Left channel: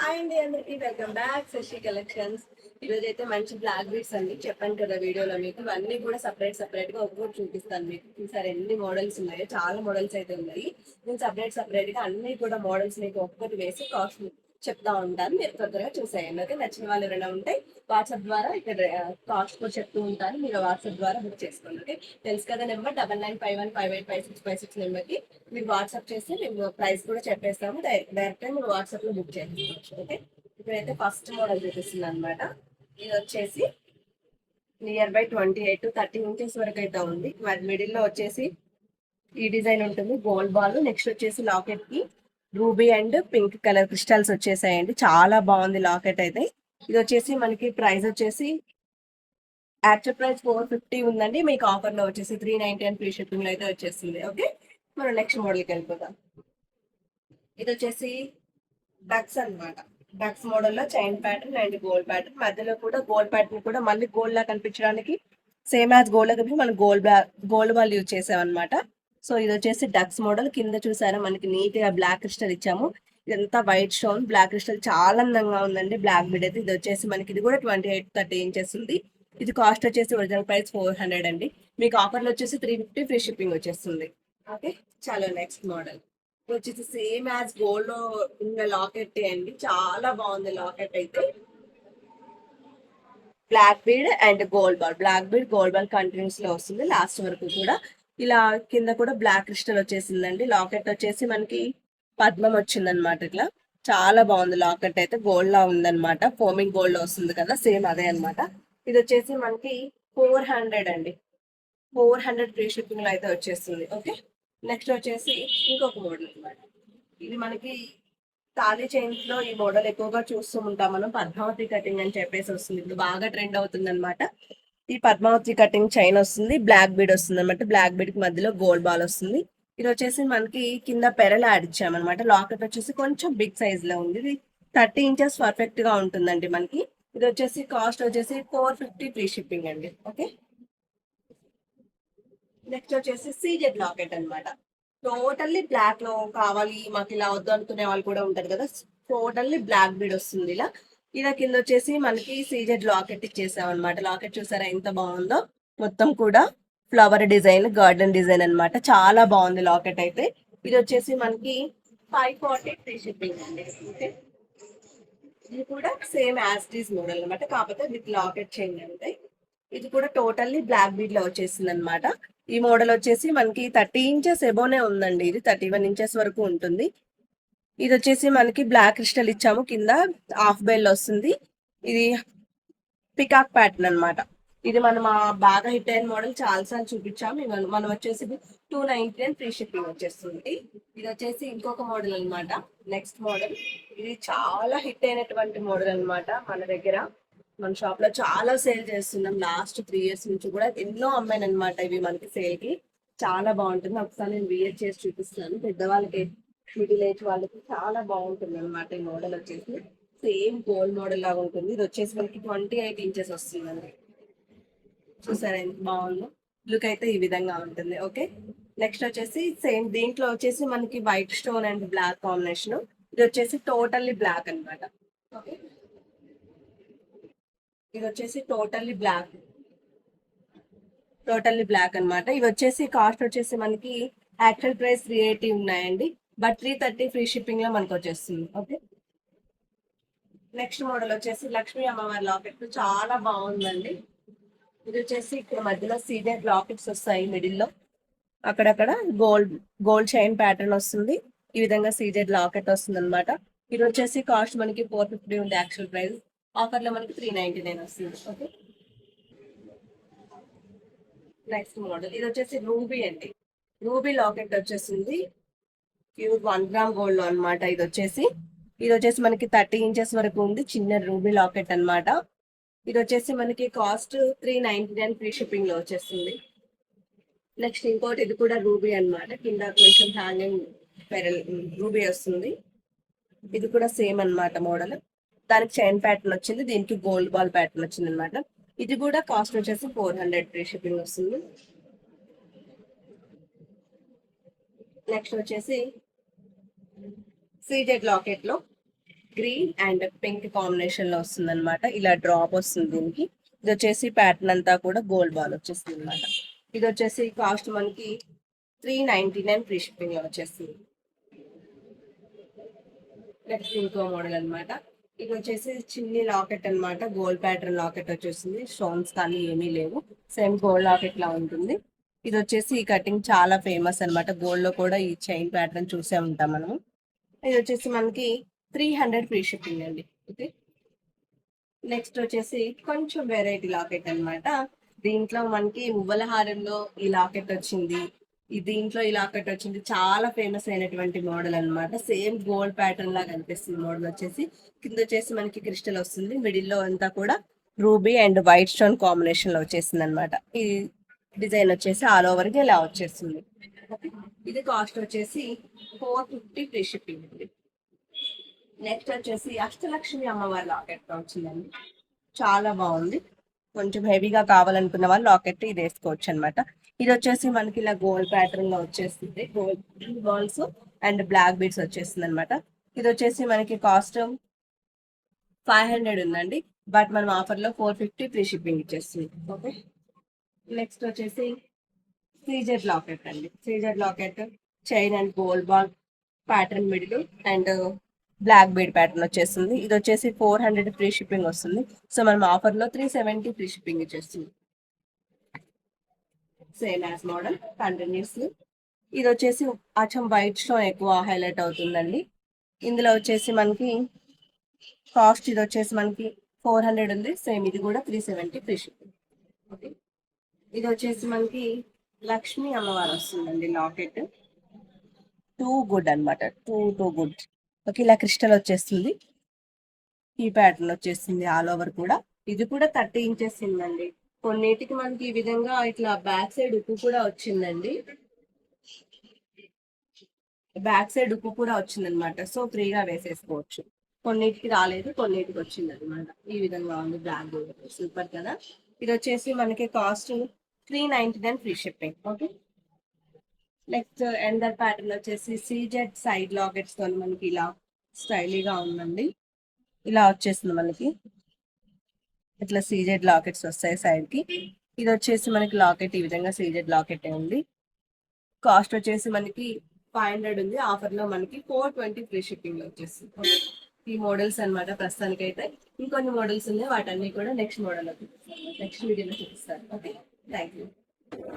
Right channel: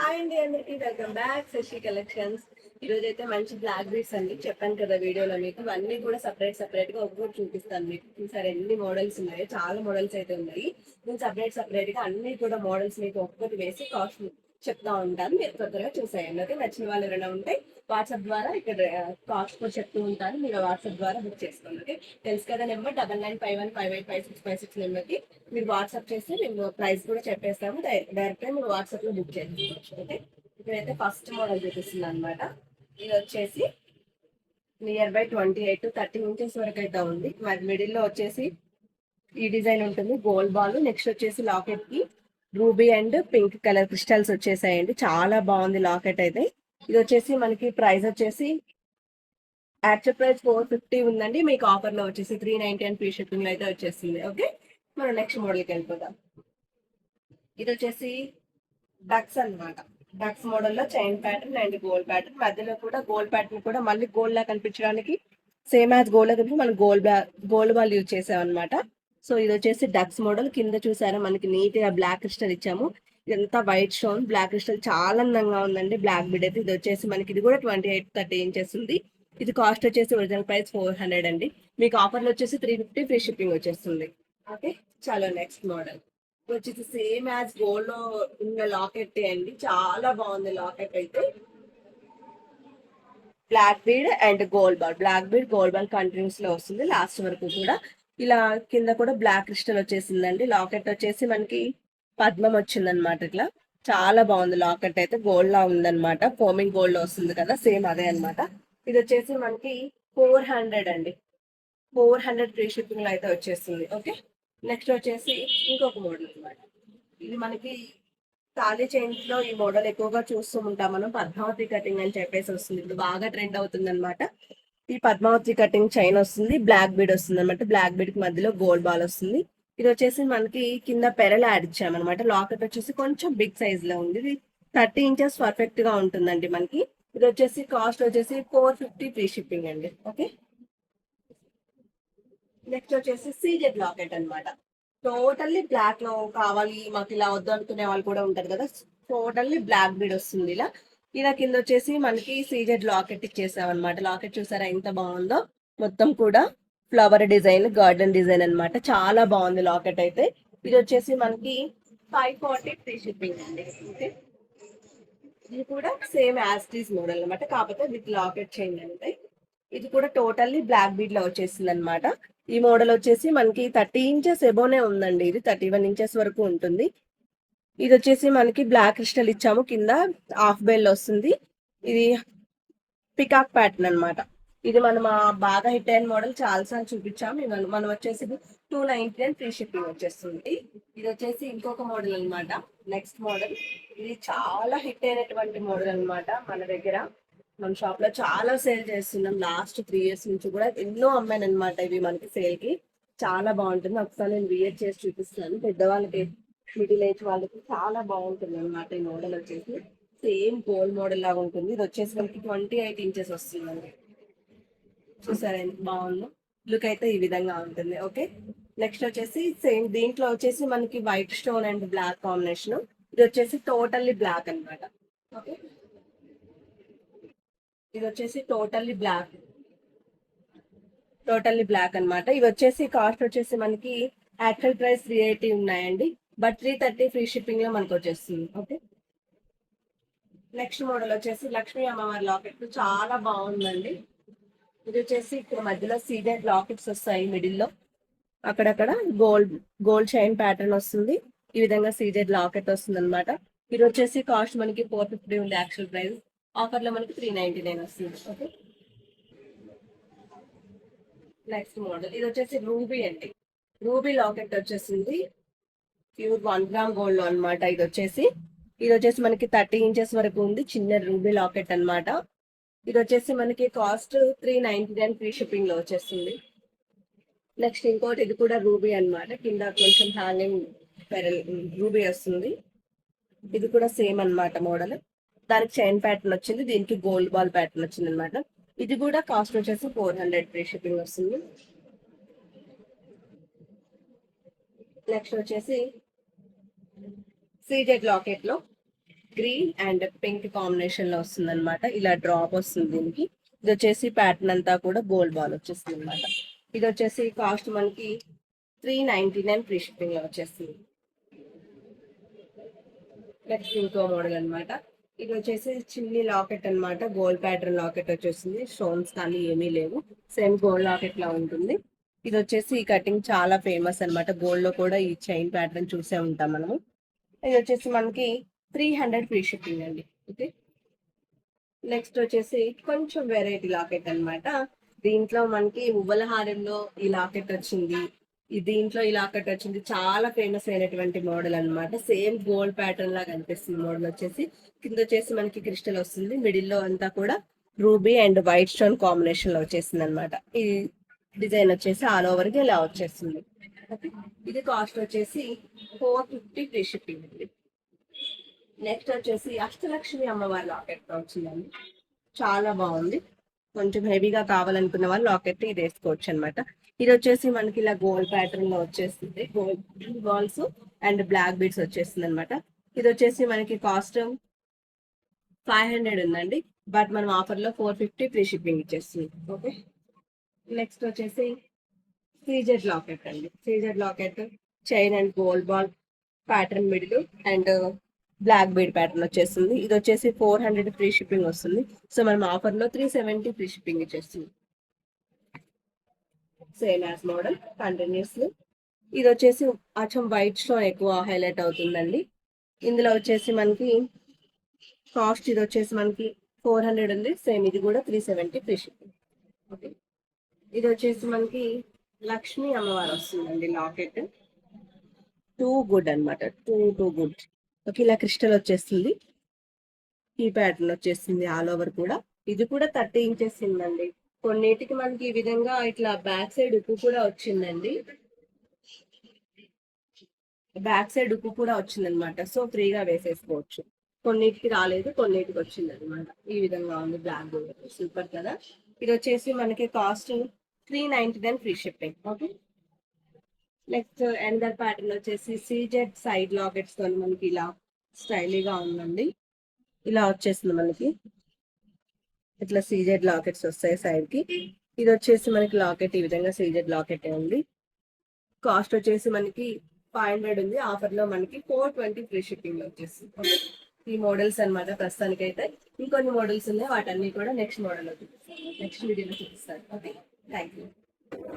Hi అండి, అందరికి welcome back Shashi collections. ఈ రోజు అయితే మంచి బ్లాక్ బీడ్స్ అండి. చెప్పాను కదా వీడియోలో మీకు అన్ని కూడా సపరేట్ గా ఒక్కొక్కటి చూపిస్తాను. మీకు చూసారు ఎన్ని మోడల్స్ ఉన్నాయో, చాలా మోడల్స్ అయితే ఉన్నాయి. నేను సపరేట్ గా అన్ని కూడా మోడల్స్ మీకు ఒక్కొక్కటి వేసి కాస్ట్ చెప్తా ఉంటాను. మీరు త్వరగా చూసేయండి. ఓకే, నచ్చిన వాళ్ళు ఎవరైనా ఉంటే వాట్సాప్ ద్వారా ఇక్కడ కాస్ట్ కూడా చెప్తూ ఉంటాను. మీరు వాట్సాప్ ద్వారా బుక్ చేసుకోండి. ఓకే, తెలుసు కదా నెంబర్ 9951585656 నెంబర్కి మీరు వాట్సాప్ చేస్తే మేము ప్రైస్ కూడా చెప్పేస్తాము. డైరెక్ట్ మీరు వాట్సాప్ లో బుక్ చేసుకోవచ్చు. ఓకే, ఇప్పుడైతే ఫస్ట్ మోడల్ చూపిస్తుంది అనమాట. ఇది వచ్చేసి నియర్ బై 28 to 30 ఇంచెస్ వరకు అయితే ఉంది. మరి మిడిల్ లో వచ్చేసి ఈ డిజైన్ ఉంటుంది, గోల్డ్ బాల్. నెక్స్ట్ వచ్చేసి లాకెట్ కి ruby and pink colour crystals వచ్చేసాయండి. చాలా బాగుంది లాకెట్ అయితే. ఇది వచ్చేసి మనకి ప్రైస్ వచ్చేసి యాక్చువల్ ప్రైస్ 450 ఉందండి. మీకు ఆఫర్ లో వచ్చేసి 390 అండ్ ఫ్రీ షిప్పింగ్ అయితే వచ్చేస్తుంది. ఓకే, మనం నెక్స్ట్ మోడల్కి వెళ్ళిపోతాం. ఇది వచ్చేసి డక్స్ అన్నమాట. డక్స్ మోడల్ లో chain pattern and gold pattern, మధ్యలో కూడా గోల్డ్ ప్యాటర్న్ కూడా మళ్ళీ గోల్డ్ లా కనిపించడానికి సేమ్ యాజ్ గోల్డ్ లా మనం గోల్డ్ బాల్ యూజ్ చేసామన్నమాట. సో ఇది వచ్చేసి డక్స్ మోడల్. కింద చూసారా మనకి నీట్ గా బ్లాక్ క్రిస్టల్ ఇచ్చాము. ఇదంతా వైట్ స్టోన్ బ్లాక్ క్రిస్టల్, చాలా అందంగా ఉందండి బ్లాక్ బీడ్ అయితే. ఇది వచ్చేసి మనకి ఇది కూడా 28 to 30 ఇంచెస్ ఉంది. ఇది కాస్ట్ వచ్చేసి ఒరిజినల్ ప్రైస్ 400 అండి. మీకు ఆఫర్లో వచ్చేసి 350 ఫ్రీ షిప్పింగ్ వచ్చేస్తుంది. ఓకే, చాలా నెక్స్ట్ మోడల్ వచ్చేసి సేమ్ యాజ్ గోల్డ్ లో ఉన్న లాకెట్ అండి. చాలా బాగుంది లాకెట్ అయితే. Black bead and gold ball, black bead gold ball continues లో వస్తుంది లాస్ట్ వరకు కూడా. ఇలా కింద కూడా బ్లాక్ క్రిస్టల్ వచ్చేసిందండి. లాకెట్ వచ్చేసి మనకి పద్మం వచ్చిందనమాట. ఇట్లా చాలా బాగుంది లాకెట్ అయితే. గోల్డ్ లా ఉందన్నమాట, ఫోమింగ్ గోల్డ్ వస్తుంది కదా, సేమ్ అదే అనమాట. ఇది వచ్చేసి మనకి 400 అండి. 400 ఫ్రీ షిప్పింగ్ లో అయితే వచ్చేస్తుంది. ఓకే, నెక్స్ట్ వచ్చేసి ఇంకొక మోడల్ అనమాట. ఇది మనకి తాళీ చైన్స్ లో ఈ మోడల్ ఎక్కువగా చూస్తూ ఉంటాం మనం. పద్మావతి కటింగ్ అని చెప్పేసి వస్తుంది, ఇప్పుడు బాగా ట్రెండ్ అవుతుంది అనమాట. ఈ పద్మావతి కటింగ్ చైన్ వస్తుంది, బ్లాక్ బీడ్ వస్తుంది అనమాట. బ్లాక్ బీడ్ కి మధ్యలో గోల్డ్ బాల్ వస్తుంది. ఇది వచ్చేసి మనకి కింద పెరల్ యాడ్ ఇచ్చామన్నమాట. లాకెట్ వచ్చేసి కొంచెం బిగ్ సైజ్ లో ఉంది. ఇది 30 ఇంచెస్ పర్ఫెక్ట్ గా ఉంటుందండి మనకి. ఇది వచ్చేసి కాస్ట్ వచ్చేసి 450 ఫ్రీ షిప్పింగ్ అండి. ఓకే, నెక్స్ట్ వచ్చేసి సీజెడ్ లాకెట్ అన్నమాట. టోటల్లీ బ్లాక్ లో కావాలి మాకు, ఇలా వద్దు అనుకునే వాళ్ళు కూడా ఉంటారు కదా. టోటల్లీ బ్లాక్ బీడ్ వస్తుంది ఇలా. ఇలా కింద వచ్చేసి మనకి సీజెడ్ లాకెట్ ఇచ్చేసాం అనమాట. లాకెట్ చూసారా ఎంత బాగుందో, మొత్తం కూడా ఫ్లవర్ డిజైన్, గార్డెన్ డిజైన్ అన్నమాట. చాలా బాగుంది లాకెట్ అయితే. ఇది వచ్చేసి మనకి 540 ఫ్రీ షిప్పింగ్ అండి. ఓకే, ఇది కూడా సేమ్ యాజ్ టీజ్ మోడల్ అనమాట, కాకపోతే విత్ లాకెట్ చేంజ్ ఉంటాయి. ఇది కూడా టోటల్లీ బ్లాక్ బీడ్ లో వచ్చేసింది అనమాట. ఈ మోడల్ వచ్చేసి మనకి 30 ఇంచెస్ ఎబోనే ఉందండి. ఇది 31 ఇంచెస్ వరకు ఉంటుంది. ఇది వచ్చేసి మనకి బ్లాక్ క్రిస్టల్ ఇచ్చాము, కింద హాఫ్ బెల్ వస్తుంది. ఇది పికాక్ ప్యాటర్న్ అన్నమాట. ఇది మనం బాగా హిట్ అయిన మోడల్, చాలా సార్లు చూపించాము. మనం వచ్చేసి 290 ఫ్రీ షిప్పింగ్ వచ్చేస్తుంది. ఇది వచ్చేసి ఇంకొక మోడల్ అన్నమాట. నెక్స్ట్ మోడల్ ఇది చాలా హిట్ అయినటువంటి మోడల్ అన్నమాట. మన దగ్గర మన షాప్ లో చాలా సేల్ చేస్తున్నాం. లాస్ట్ 3 years నుంచి కూడా ఎన్నో అమ్మాను అనమాట. ఇవి మనకి సేల్ కి చాలా బాగుంటుంది. ఒకసారి నేను వియర్ చేసి చూపిస్తాను. పెద్దవాళ్ళకి, మిడిల్ ఏజ్ వాళ్ళకి చాలా బాగుంటుంది అనమాట. ఈ మోడల్ వచ్చేసి సేమ్ గోల్డ్ మోడల్ లాగా ఉంటుంది. ఇది వచ్చేసి మనకి 28 ఇంచెస్ వస్తుందండి. చూసారా ఎంత బాగుందో. లుక్ అయితే ఈ విధంగా ఉంటుంది. ఓకే, నెక్స్ట్ వచ్చేసి సేమ్ దీంట్లో వచ్చేసి మనకి white stone and black combination. ఇది వచ్చేసి టోటల్లీ బ్లాక్ అన్నమాట. ఓకే, ఇది వచ్చేసి టోటల్లీ బ్లాక్ అన్నమాట. ఇవి వచ్చేసి కాస్ట్ వచ్చేసి మనకి యాక్చువల్ ప్రైస్ 380 ఉన్నాయండి, బట్ 330 ఫ్రీ షిప్పింగ్ లో మనకు వచ్చేస్తుంది. ఓకే, నెక్స్ట్ మోడల్ వచ్చేసి లక్ష్మీ అమ్మవారి లాకెట్, చాలా బాగుందండి. ఇది వచ్చేసి ఇక్కడ మధ్యలో సీడెడ్ లాకెట్స్ వస్తాయి, మిడిల్ లో అక్కడక్కడ గోల్డ్ గోల్డ్ చైన్ ప్యాటర్న్ వస్తుంది. ఈ విధంగా సీజెడ్ లాకెట్ వస్తుంది అనమాట. ఇది వచ్చేసి కాస్ట్ మనకి 450 ఉంది యాక్చువల్ ప్రైస్. ఆఫర్ లో మనకి 399 వస్తుంది. ఓకే, నెక్స్ట్ మోడల్ ఇది వచ్చేసి రూబీ అండి. రూబీ లాకెట్ వచ్చేసింది, ప్యూర్ 1 గ్రామ్ గోల్డ్ లో అనమాట. ఇది వచ్చేసి మనకి 30 ఇంచెస్ వరకు ఉంది. చిన్న రూబీ లాకెట్ అన్నమాట. ఇది వచ్చేసి మనకి కాస్ట్ 399 ఫ్రీ షిప్పింగ్ లో వచ్చేస్తుంది. నెక్స్ట్ ఇంకోటి, ఇది కూడా రూబీ అన్నమాట. కింద కొంచెం హ్యాంగింగ్ పెరల్ రూబీ వస్తుంది. ఇది కూడా సేమ్ అన్నమాట మోడల్. దానికి చైన్ ప్యాటర్న్ వచ్చింది, దీనికి గోల్డ్ బాల్ ప్యాటర్న్ వచ్చింది అనమాట. ఇది కూడా కాస్ట్ వచ్చేసి 400 ఫ్రీ షిప్పింగ్ వస్తుంది. నెక్స్ట్ వచ్చేసి సీజెడ్ లాకెట్ లో గ్రీన్ అండ్ పింక్ కాంబినేషన్ లో వస్తుంది అనమాట. ఇలా డ్రాప్ వస్తుంది దీనికి. ఇది వచ్చేసి ప్యాటర్న్ అంతా కూడా గోల్డ్ బాల్ వచ్చేస్తుంది అనమాట. ఇది వచ్చేసి కాస్ట్ మనకి 399 ఫ్రీ షిప్పింగ్ లో వచ్చేస్తుంది. నెక్స్ట్ ఇంకో మోడల్ అన్నమాట. ఇది వచ్చేసి చిన్ని లాకెట్ అన్నమాట. గోల్డ్ ప్యాటర్న్ లాకెట్ వచ్చేసింది. స్టోన్స్ కానీ ఏమీ లేవు, సేమ్ గోల్డ్ లాకెట్ లా ఉంటుంది. ఇది వచ్చేసి ఈ కటింగ్ చాలా ఫేమస్ అన్నమాట. గోల్డ్ లో కూడా ఈ చైన్ ప్యాటర్న్ చూసే ఉంటాం మనము. ఇది వచ్చేసి మనకి 300 ఫ్రీ షిప్పింగ్ అండి. ఓకే, నెక్స్ట్ వచ్చేసి కొంచెం వెరైటీ లాకెట్ అన్నమాట. దీంట్లో మనకి మువ్వల హారంలో ఈ లాకెట్ వచ్చింది, ఈ దీంట్లో ఈ లాకెట్ వచ్చింది. చాలా ఫేమస్ అయినటువంటి మోడల్ అన్నమాట. సేమ్ గోల్డ్ ప్యాటర్న్ లాగా అనిపిస్తుంది మోడల్ వచ్చేసి. కింద వచ్చేసి మనకి క్రిస్టల్ వస్తుంది, మిడిల్ లో అంతా కూడా ruby and white stone combination లో వచ్చేసింది అనమాట. ఈ డిజైన్ వచ్చేసి ఆల్ ఓవర్ గా ఇలా వచ్చేస్తుంది. ఓకే, ఇది కాస్ట్ వచ్చేసి 450 ఫ్రీ షిప్పింగ్ అండి. నెక్స్ట్ వచ్చేసి అష్టలక్ష్మి అమ్మవారి లాకెట్ వచ్చిందండి. చాలా బాగుంది. కొంచెం హెవీగా కావాలనుకున్న వాళ్ళు లాకెట్ ఇది వేసుకోవచ్చు అనమాట. ఇది వచ్చేసి మనకి ఇలా గోల్డ్ ప్యాటర్న్ లో వచ్చేస్తుంది. Gold balls and black beads వచ్చేస్తుంది అనమాట. ఇది వచ్చేసి మనకి కాస్ట్ 500 ఉందండి, బట్ మనం ఆఫర్ లో 450 ఫ్రీ షిప్పింగ్ ఇచ్చేస్తుంది. ఓకే, నెక్స్ట్ వచ్చేసి సీజెడ్ లాకెట్ అండి. CZ locket chain and gold ball pattern middle and black bead pattern వచ్చేస్తుంది. ఇది వచ్చేసి 400 ఫ్రీ షిప్పింగ్ వస్తుంది. సో మనం ఆఫర్ లో 370 ఫ్రీ షిప్పింగ్ ఇచ్చేస్తుంది. Same as model continues. ఇది వచ్చేసి అచ్చం వైట్ స్టోన్ ఎక్కువ హైలైట్ అవుతుందండి. ఇందులో వచ్చేసి మనకి కాస్ట్ ఇది వచ్చేసి మనకి 400 ఉంది. సేమ్ ఇది కూడా 370 ఫ్రీ షిప్పింగ్. ఓకే, ఇది వచ్చేసి మనకి లక్ష్మీ అమ్మవారు వస్తుందండి లాకెట్. టూ గుడ్ అన్నమాట. Too good. ఓకే, ఇలా క్రిస్టల్ వచ్చేస్తుంది. ఈ ప్యాటర్న్ వచ్చేసింది ఆల్ ఓవర్ కూడా. ఇది కూడా 30 ఇంచెస్ ఉందండి. కొన్నిటికి మనకి ఈ విధంగా ఇట్లా బ్యాక్ సైడ్ ఉప్పు కూడా వచ్చిందండి. బ్యాక్ సైడ్ ఉప్పు కూడా వచ్చిందనమాట. సో ఫ్రీగా వేసేసుకోవచ్చు. కొన్నిటికి రాలేదు, కొన్నిటికి వచ్చింది అనమాట. ఈ విధంగా ఉంది బ్లాక్. సూపర్ కదా. ఇది వచ్చేసి మనకి cost 399 free shipping. Okay, next Ender pattern వచ్చేసి సీజెడ్ సైడ్ లాకెట్స్ తో మనకి ఇలా స్టైలీగా ఉందండి. ఇలా వచ్చేసింది మనకి. ఇట్లా సీజెడ్ లాకెట్స్ వస్తాయి సైడ్ కి. ఇది వచ్చేసి మనకి లాకెట్ ఈ విధంగా సీజెడ్ లాకెట్ ఉంది. కాస్ట్ వచ్చేసి మనకి 500 ఉంది. ఆఫర్ లో మనకి 420 ఫ్రీ షిప్పింగ్ లో వచ్చేస్తుంది. ఈ మోడల్స్ అనమాట ప్రస్తుతానికి అయితే. ఇంకొన్ని మోడల్స్ ఉన్నాయి, వాటన్ని కూడా నెక్స్ట్ మోడల్ నెక్స్ట్ వీడియోలో చూపిస్తాను. Okay, thank you.